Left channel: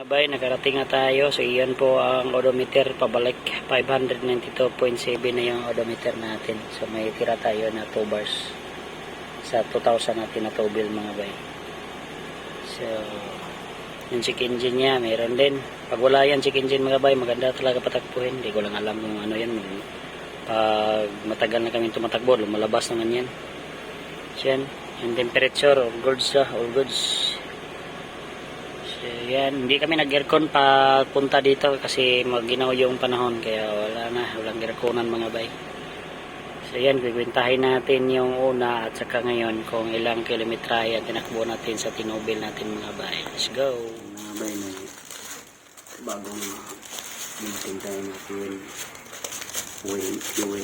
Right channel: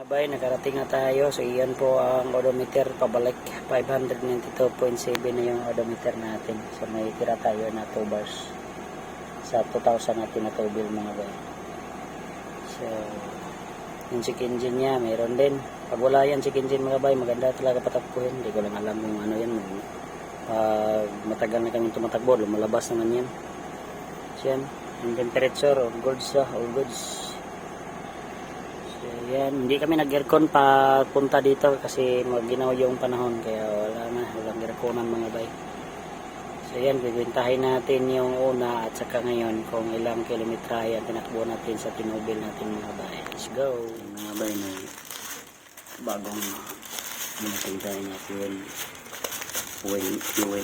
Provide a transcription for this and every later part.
Mga bay, nakarating na tayo. So, iyan po ang odometer pabalik. 592.7 na yung odometer natin. So, may tira tayo na 2 bars sa 2,000 natin na tubil mga bay. So, yung check engine niya, meron din. Pag wala yan check engine mga bay, maganda talaga patakbuhin. Hindi ko lang alam kung ano yan. Pag matagal na kami tumatakbo, lumalabas naman yan. So, yan. Yung temperature, all goods all goods. So, yan. Hindi kami nag-aircon punta dito kasi maginaw yung panahon. Kaya walang airconan mga bay. So yan, bibintahin natin yung una at saka ngayon kung ilang kilometrahe ang tinakbo natin sa tinubil natin mga bay. Let's go! Mga bay, may bagong tayo na fuel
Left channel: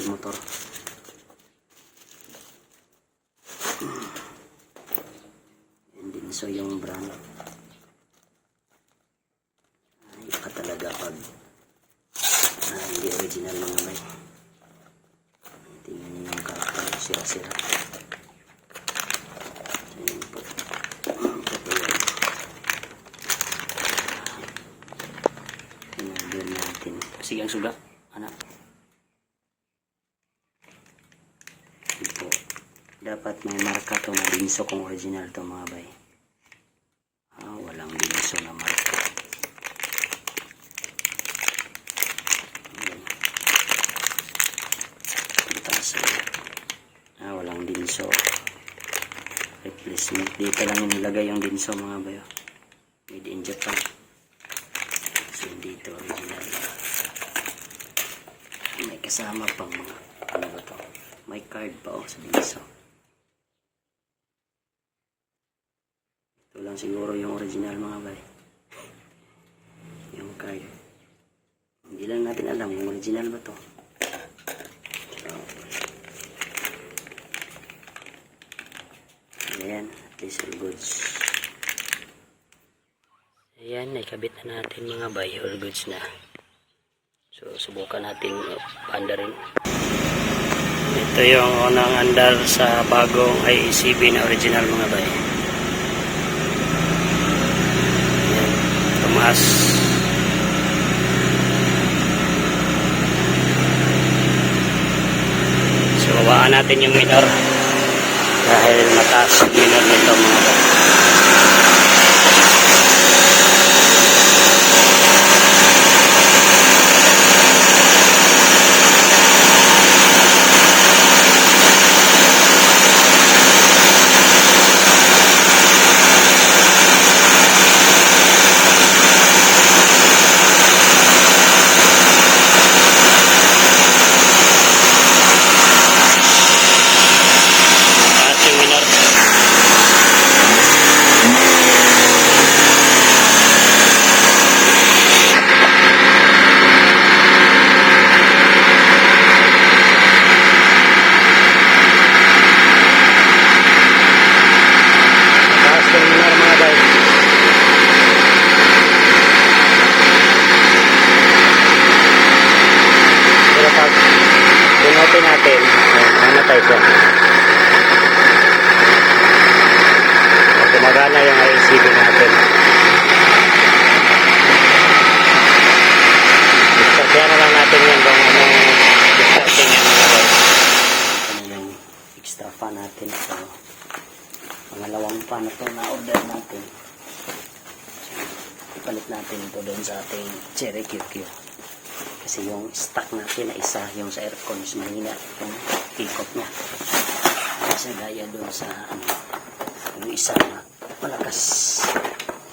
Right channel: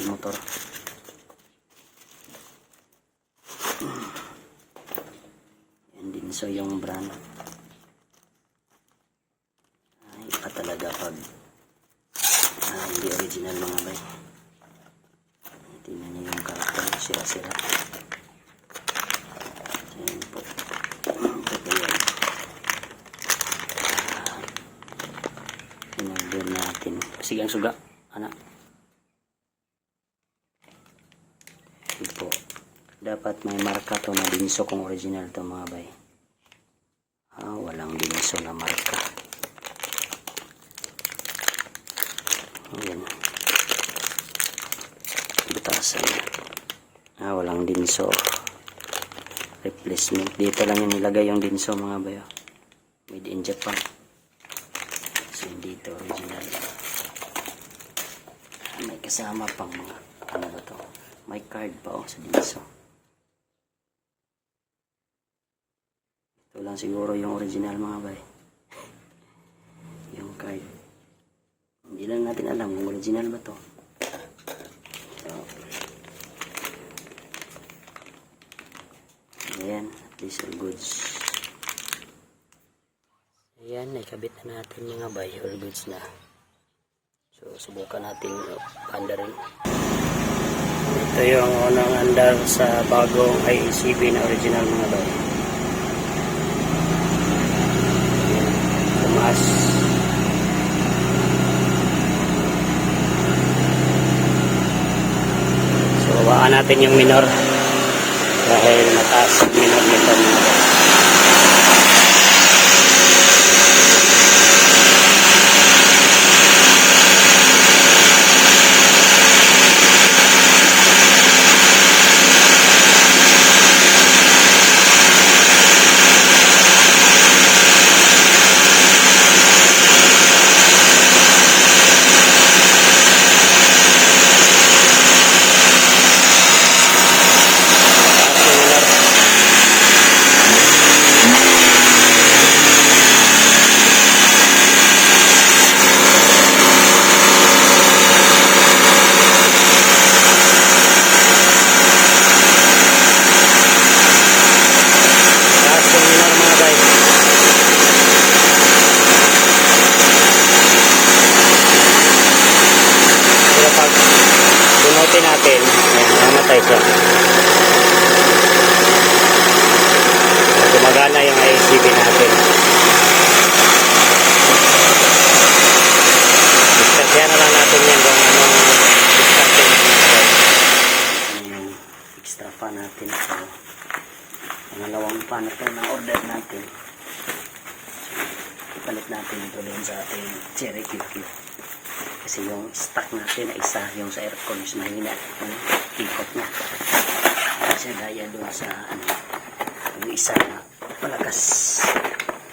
motor. Yan din so yung brand. Ay, iba talaga pag hindi original mga bay. Tingnan niyo yung karakter, sira-sira. Ayan po. Tinagyan natin. Sige ang suga, anak. Ito. Dapat may marka to na dinso kung original to mga bay. Walang dinso na marka. Ayan. Walang dinso replacement. Dito lang yung nilagay yung dinso mga bayo. Made in Japan. So dito original. May kasama pang mga ano ba to? May card pa sa dinso. Ito lang siguro yung original mga bayo. Yung card. Hindi lang natin alam yung original ba to. Ayan, these are goods. Ayan, naikabit na natin mga bay, all goods na. So, subukan natin panda rin. Ito yung unang andar sa bagong IECB na original mga bay. Ayan, tumaas. So, babaan natin yung minor. Dahil mataas minor nito mga bay. Pinutin natin, mamatay siya. Gumagana yung IECB natin. Diskartehan na lang natin yan kung anong diskartehan yan. Yung extra pa natin. So, pangalawang pa na ito na order natin. Ipalit natin ito doon sa ating Cherry QQ. Kasi yung stock natin na isa, yung sa aircon, mas mahina yung ikot na. Kasi gaya doon sa yung isa na malakas.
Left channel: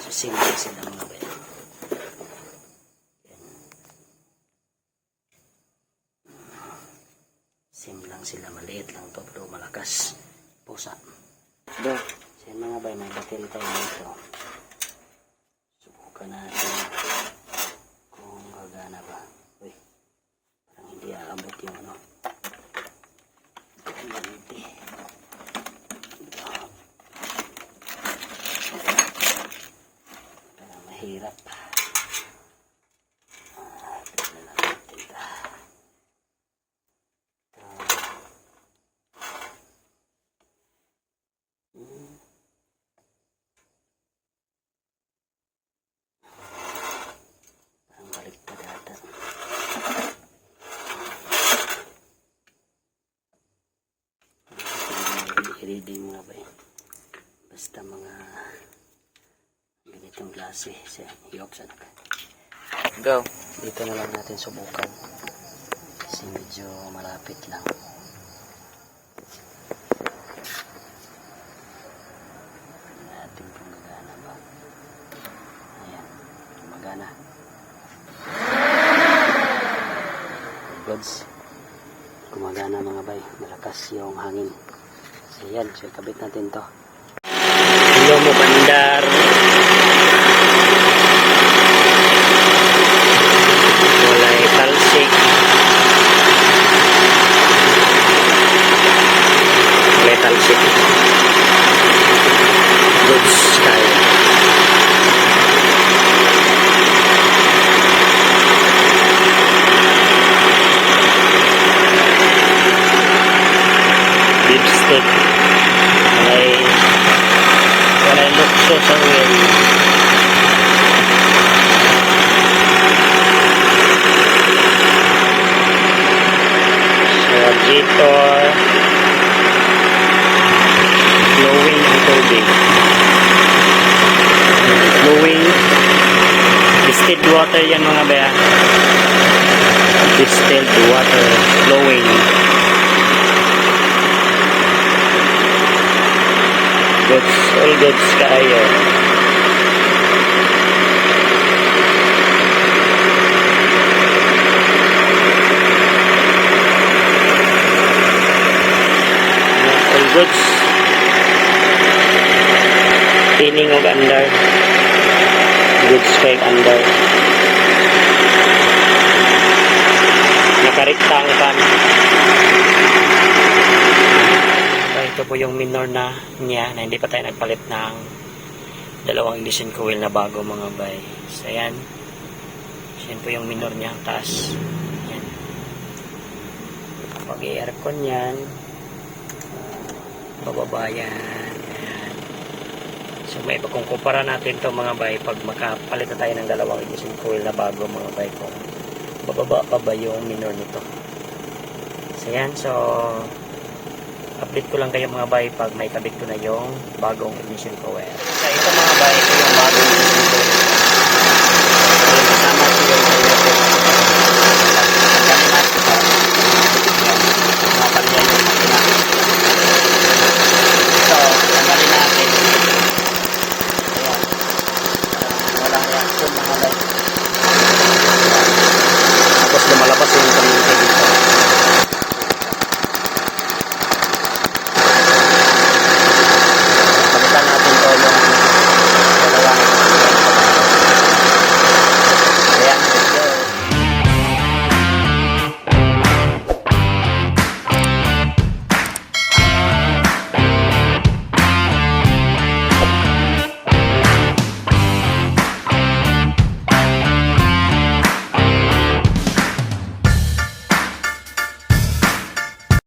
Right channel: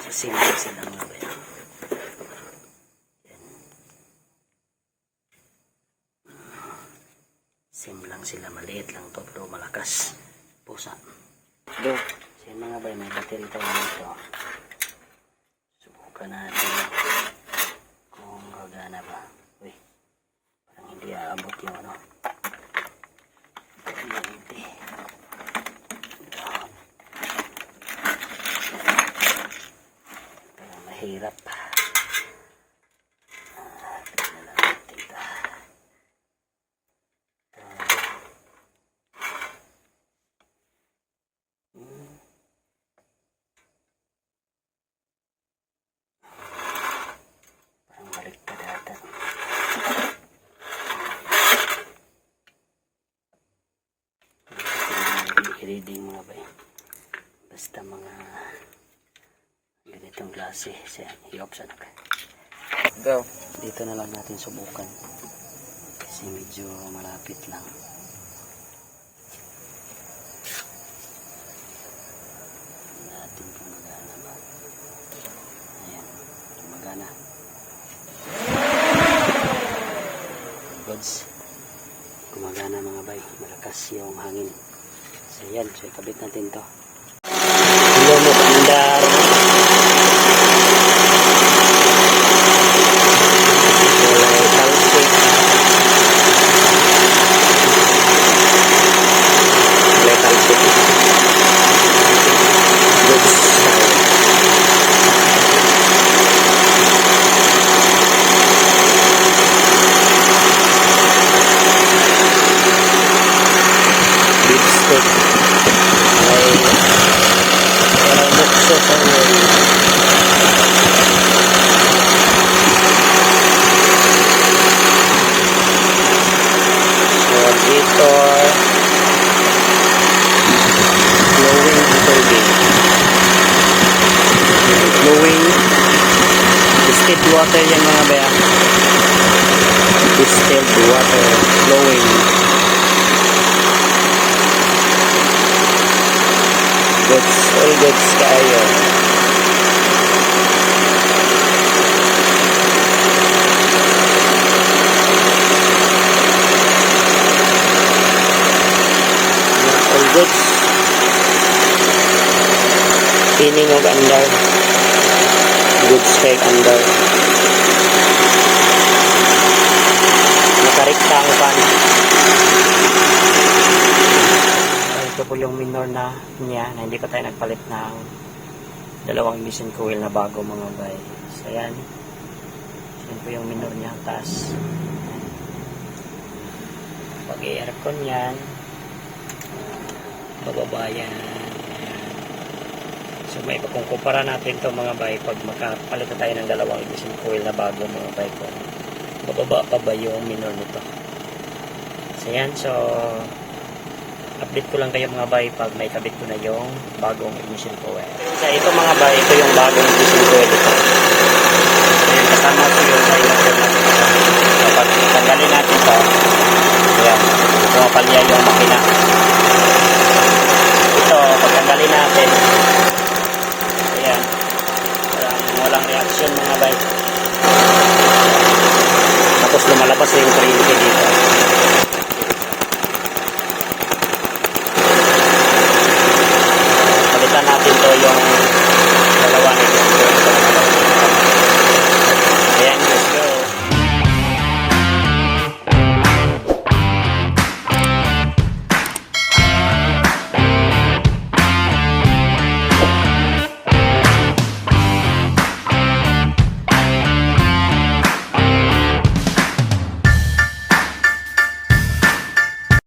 So, simple sila mga bayo. Sim lang sila, maliit lang to, pero malakas. Pusa. So, mga bayo, may battery tayo dito. Subukan natin kung gagana ba. Hindi aabot yung ano. Hindi. Kaya mahirap. reading mga bay. Basta mga ganitong klase. I-option na kayo. Go. Dito na lang natin subukan. Kasi medyo malapit lang. Natin kung magana ba. Ayan. Magana. Goods. Gumagana mga bay. Malakas yung hangin. So yan. So kabit natin to. Hello mo bandar. Walay talsik. Walay talsik. Goods tayo. Beef steak. Walay bukso sa uwi. Radiator. Flowing ang tubig. Flowing. Distilled water yan mga baya. Distilled water. Flowing. Goods. All goods kaayo. All goods. Feeling of andar. Goods straight andar. Nakarikta ang pan. Ito po yung minor na niya na hindi pa tayo nagpalit ng dalawang ignition coil na bago mga bay. So ayan. So, yan po yung minor niya. Taas. Ayan. Pag i-aircon yan. Bababa yan. Ayan. So may kung kumpara natin to mga bay pag makapalit na tayo ng dalawang ignition coil na bago mga bay kung bababa pa ba yung minor nito. So ayan. So update ko lang kayo mga bay pag may kabit ko na yung bagong ignition coil. So ito mga bay, ito yung bagong ignition coil.